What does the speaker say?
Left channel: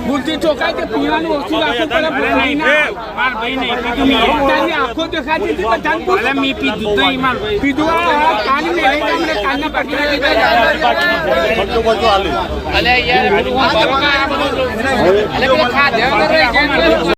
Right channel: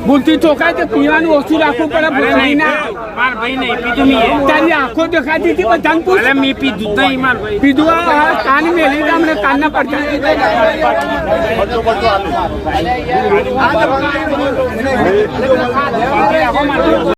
ભૂલથી ચોખા કે પીવાનું ઓછું રાખવું પડે તારી આંખો દેખાતી હતી બધાને પૂછ મેં પીધું નહીં માર ભાઈ પીધું કાન મેલે અમને કાનના પડતા